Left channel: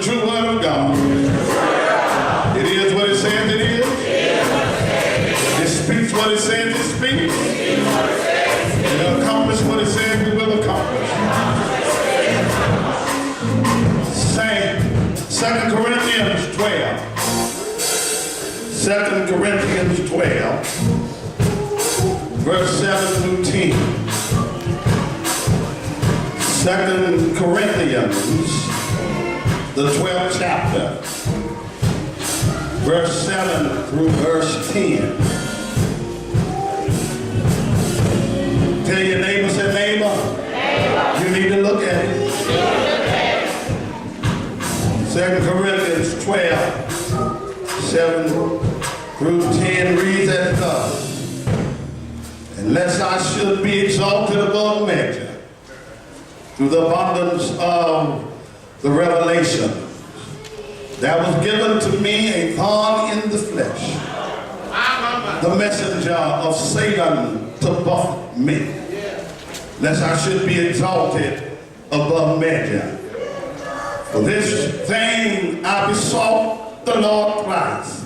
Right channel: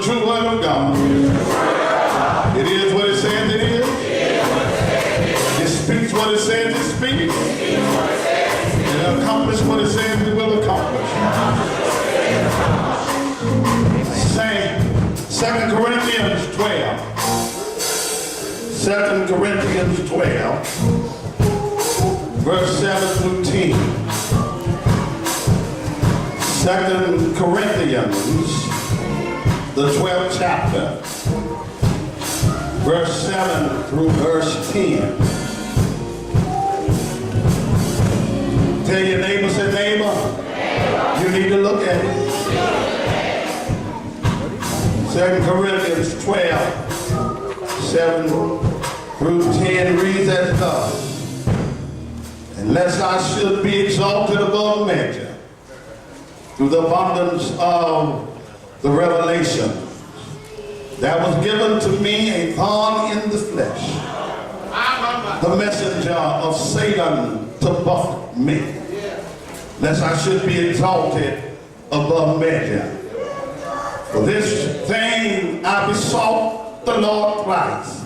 the true word of God. It is what it says it is. It speaks what it says it speaks. It accomplishes what it says it will accomplish. Say 2 Corinthians 12. 2 Corinthians 12, verse 7 through 10. 2 Corinthians, the 12th chapter, verse 7 through verse 10. Tell your neighbor, say neighbor, you need to look at it. 2 Corinthians 12, 7 through 10 reads as thus. Unless I should be exalted above measure through the abundance of the revelation, there was given to me a thorn in the flesh, the messenger of Satan to buffet me, lest I should be exalted above measure. For this thing I besought the Lord thrice,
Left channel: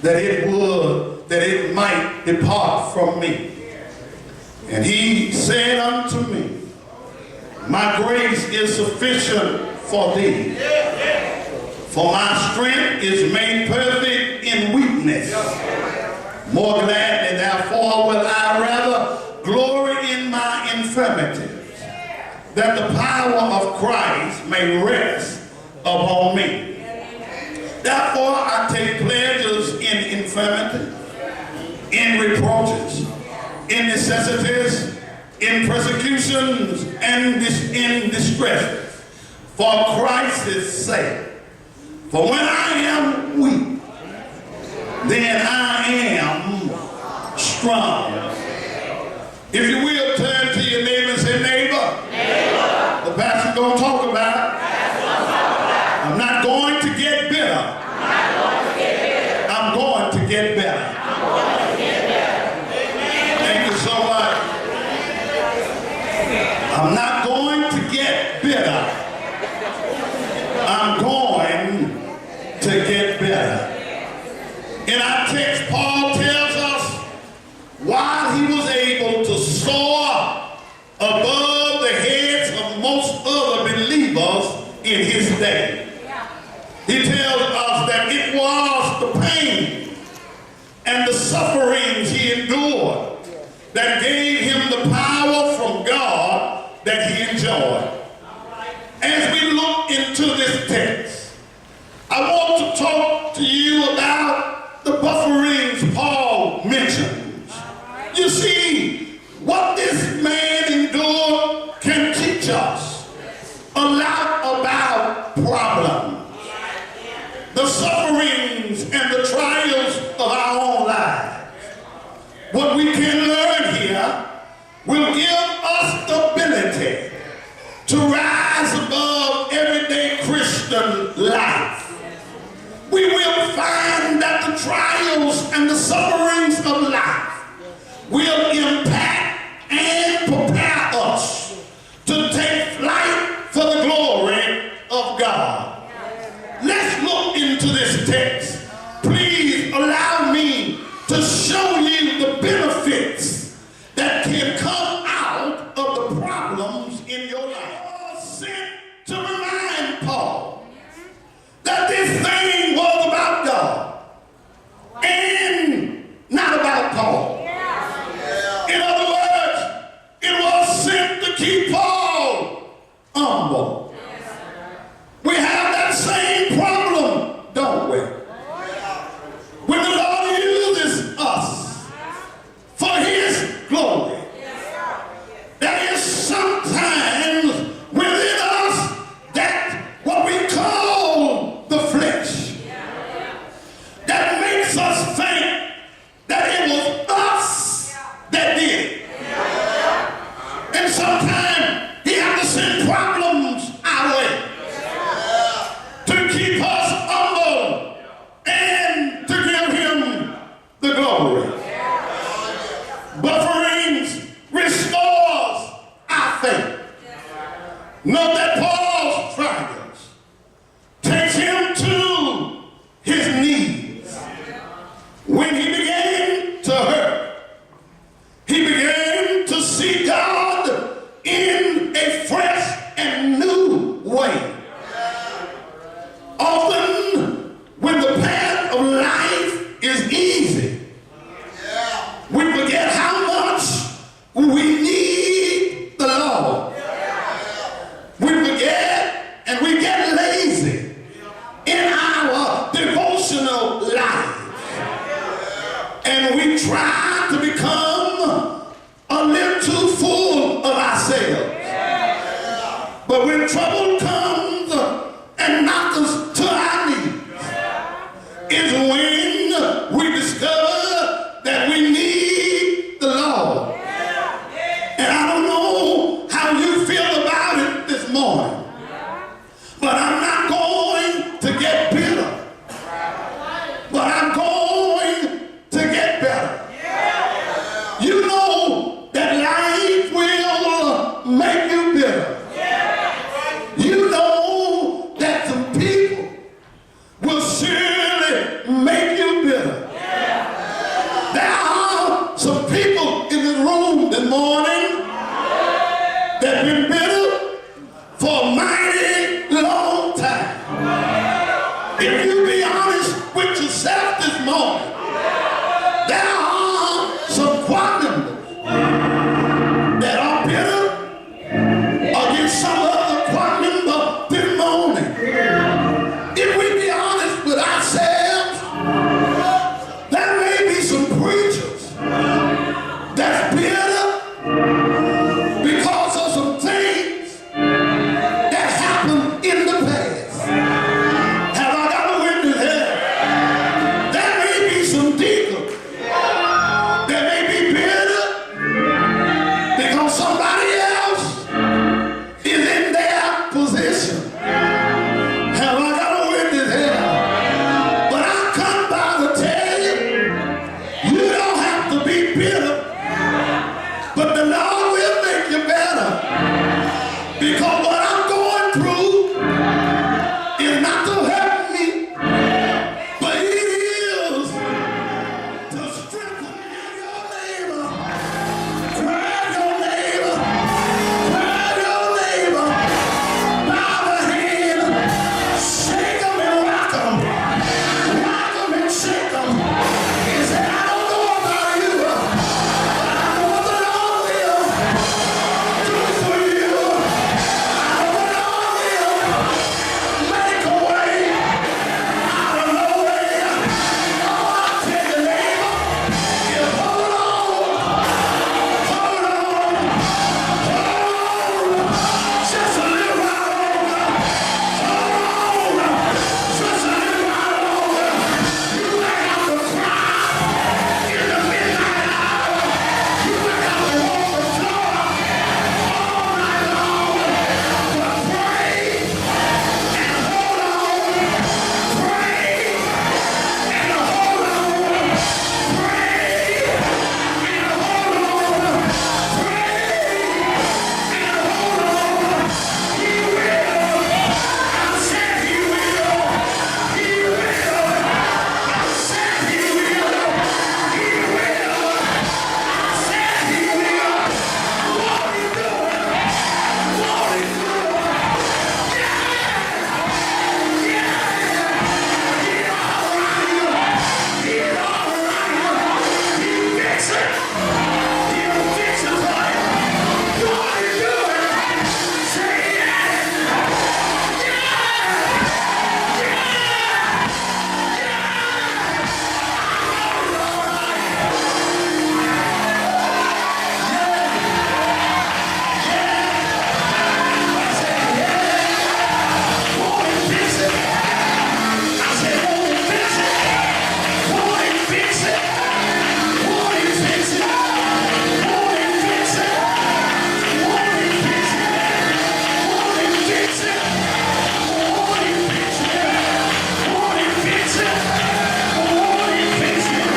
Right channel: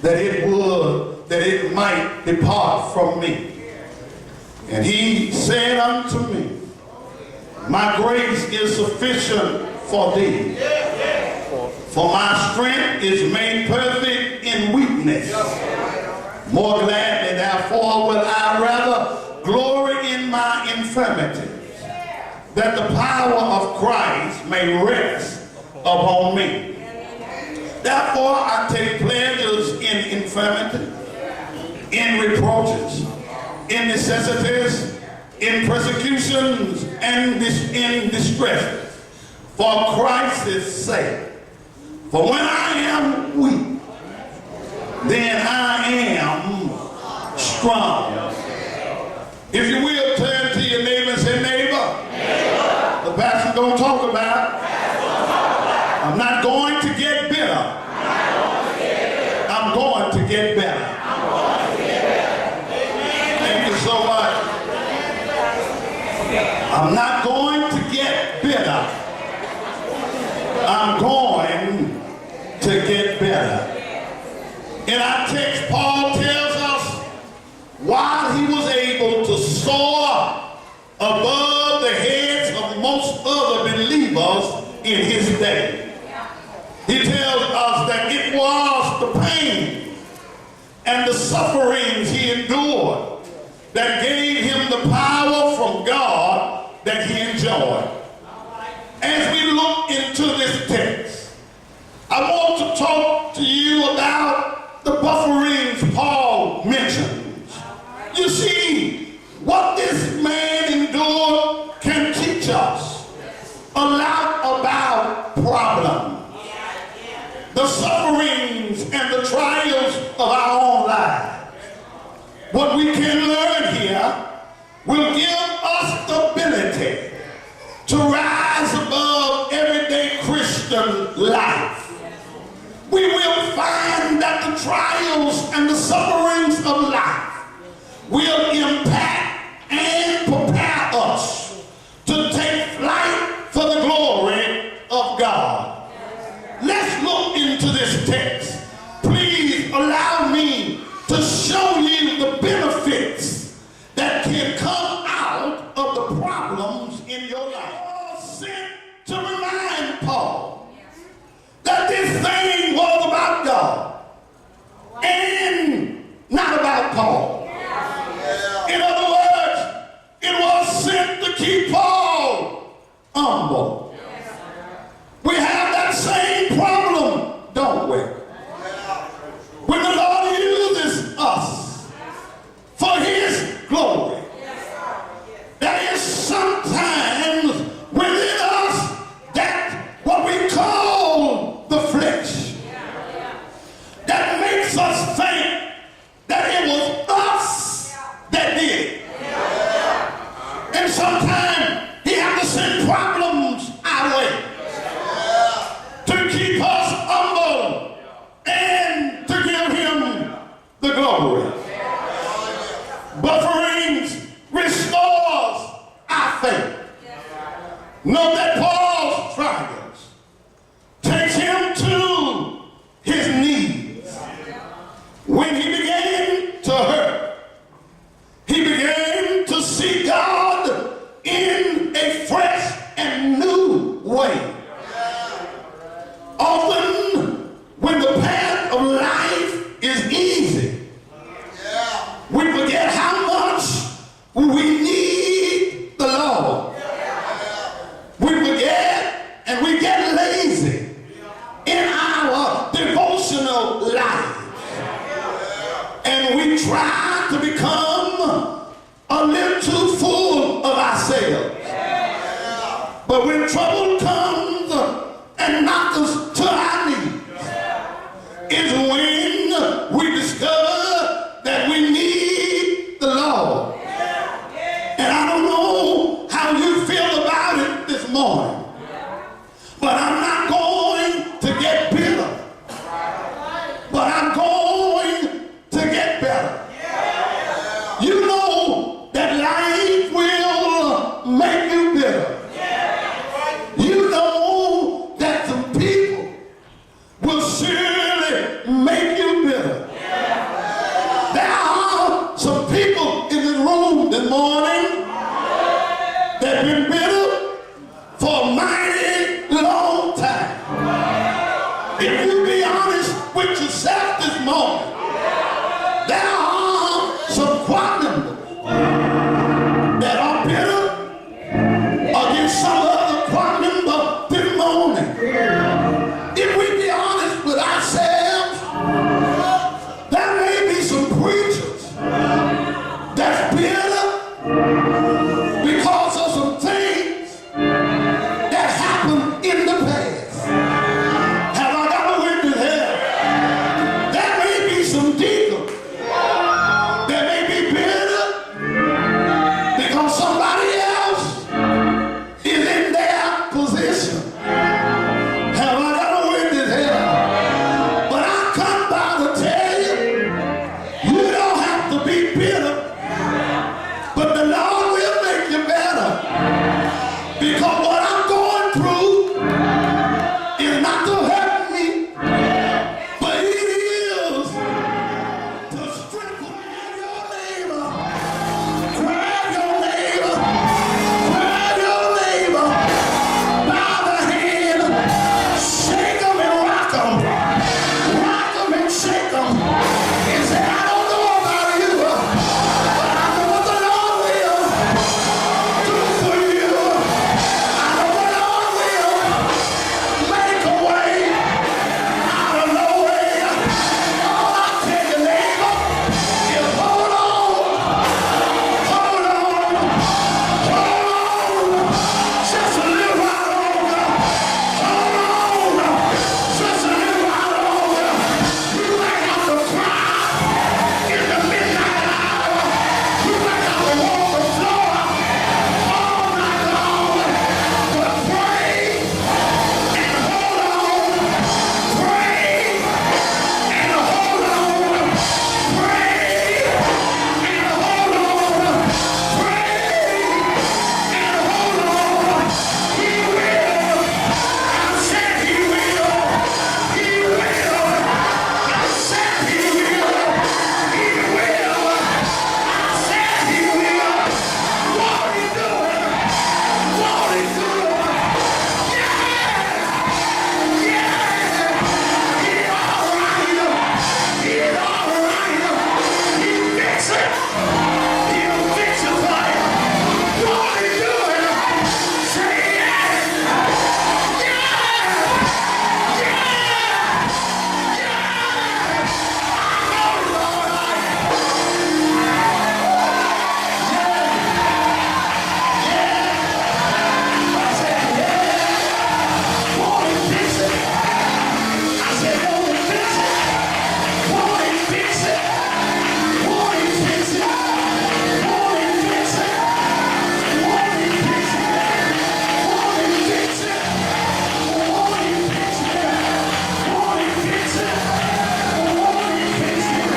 that it might depart from me. And he said unto me, my grace is sufficient for thee, for my strength is made perfect in weakness. More gladly, therefore, will I rather glory in my infirmities, that the power of Christ may rest upon me. Therefore, I take pleasures in infirmity, in reproaches, in necessities, in persecutions, and in distresses, for Christ's sake. For when I am weak, then I am strong. If you will, turn to your neighbor and say, neighbor, the pastor's going to talk about, I'm not going to get bitter. I'm going to get better. Thank you so much. I'm not going to get bitter. I'm going to get better. In our text, Paul tells us while he was able to soar above the heads of most other believers in his day, he tells us that it was the pain and the sufferings he endured that gave him the power from God that he enjoyed. As we look into this text, I want to talk to you about the bufferings Paul mentions. You see, what this man endured can teach us a lot about problems. The sufferings and the trials of our own lives. What we can learn here will give us the ability to rise above everyday Christian life. We will find that the trials and the sufferings of life will impact and prepare us to take flight for the glory of God. Let's look into this text. Please allow me to show you the benefits that can come out of the problems in your life. Paul sent to remind Paul that this thing was about God and not about Paul. In other words, it was sent to keep Paul humble. We have that same problem, don't we? When the Lord uses us for his glory, there is sometimes within us that what we call the flesh that makes us think that it was us that did it. And sometimes he has to send problems our way to keep us humble and to give him the glory. Bufferings restores our faith. Note that Paul's trials But when trouble comes and knocks us to our knees, is when we discover that we need the Lord. And I don't know how you feel about it this morning, but I'm not going to get bitter, but I'm going to get better. You know that life will make you bitter. You know that some people will surely make you bitter. There are some people in this room this morning that have been bitter for a mighty long time. If you be honest with yourself this morning, there are some choir members that are bitter against some other choir member this morning. If we be honest with ourselves, there may be some preachers that's bitter because of some things that happened in the past. Have I got a witness here? There may be some deacons that may be bitter because somebody else is in their position. Have I got a witness here? But I come by to tell you, you don't have to be bitter, but the Lord will make you better. Because what I'm going through is not to hurt me, but it is to strengthen your neighbor. Grab your neighbor. Grab your neighbor by the hand. Shake them and rock them. Rock them and shake them. And say, I don't know about you, but I know what the Lord will do for you. I know the Lord will make a way out of no way. All I tell you, neighbor, is hold on. Hold on. Hold on. Just a little while longer. Hold on. Just a little while longer. You might have to cry in the midnight hour. You might have to walk the floor all night long. But pray and hold on. Pray and hold on. Pray and hold on. Pray and hold on. He will. I said he will. He will. I said he will. He will. I said he will. Won't he do it? Won't he do it? Yeah! Yeah! He's all right. He's all right. He'll fix it. He'll fix it for you. Won't he do it? Say yeah! Yeah! Yeah! Yeah! I know he's all right. I said yeah. Won't he fix it? I said won't he fix it? Won't he fix it? Won't he fix it? Won't he fix it? Won't he fix it? Won't he fix it? Won't he fix it? Won't he fix it? Won't he fix it?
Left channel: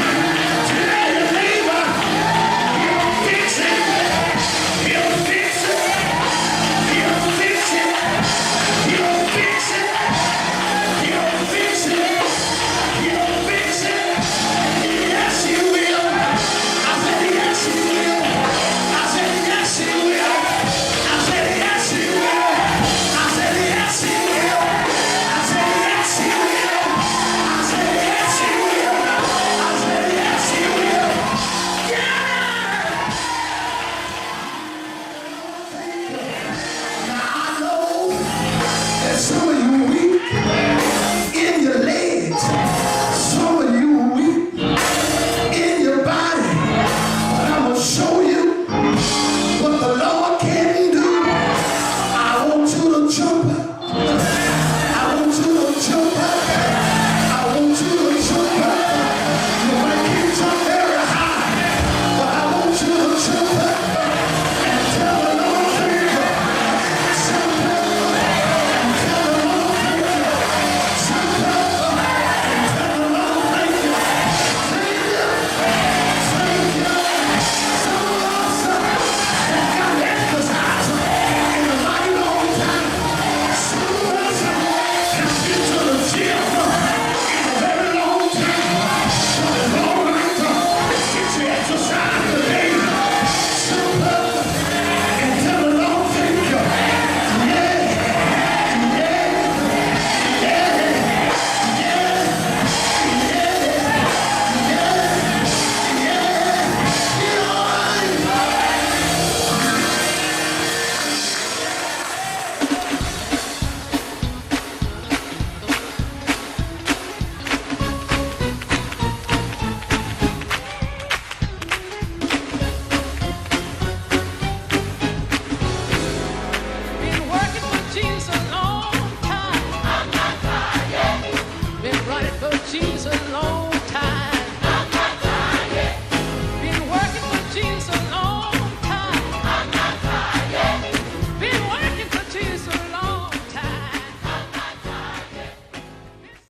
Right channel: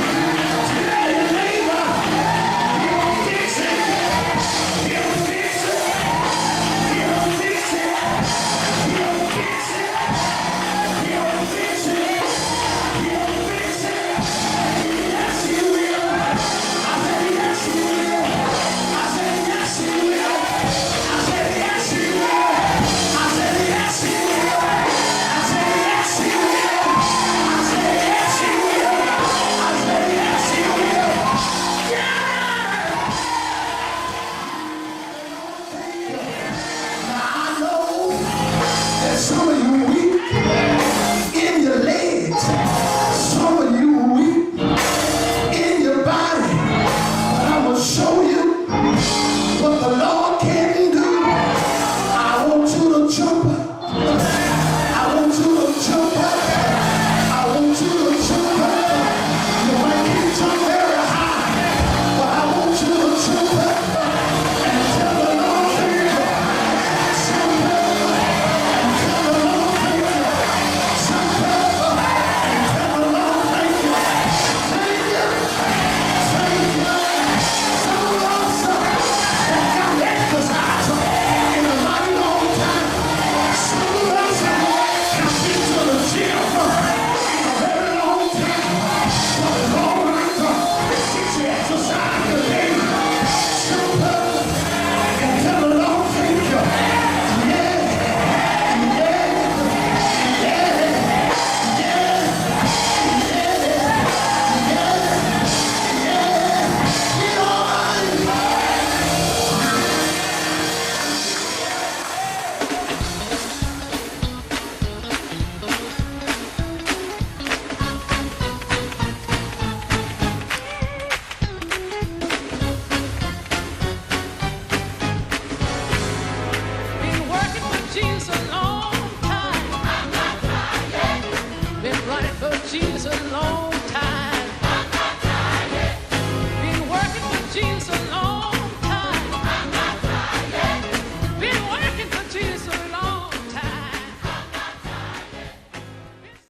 Tell your neighbor, he'll fix it. He'll fix it. He'll fix it. He'll fix it. He'll fix it. He'll fix it. Yes, he will. I said yes, he will. I said yes, he will. I said yes, he will. I said yes, he will. I said yes, he will. I said yes, he will. I said yes, he will. Yeah! Now I know that some of you weak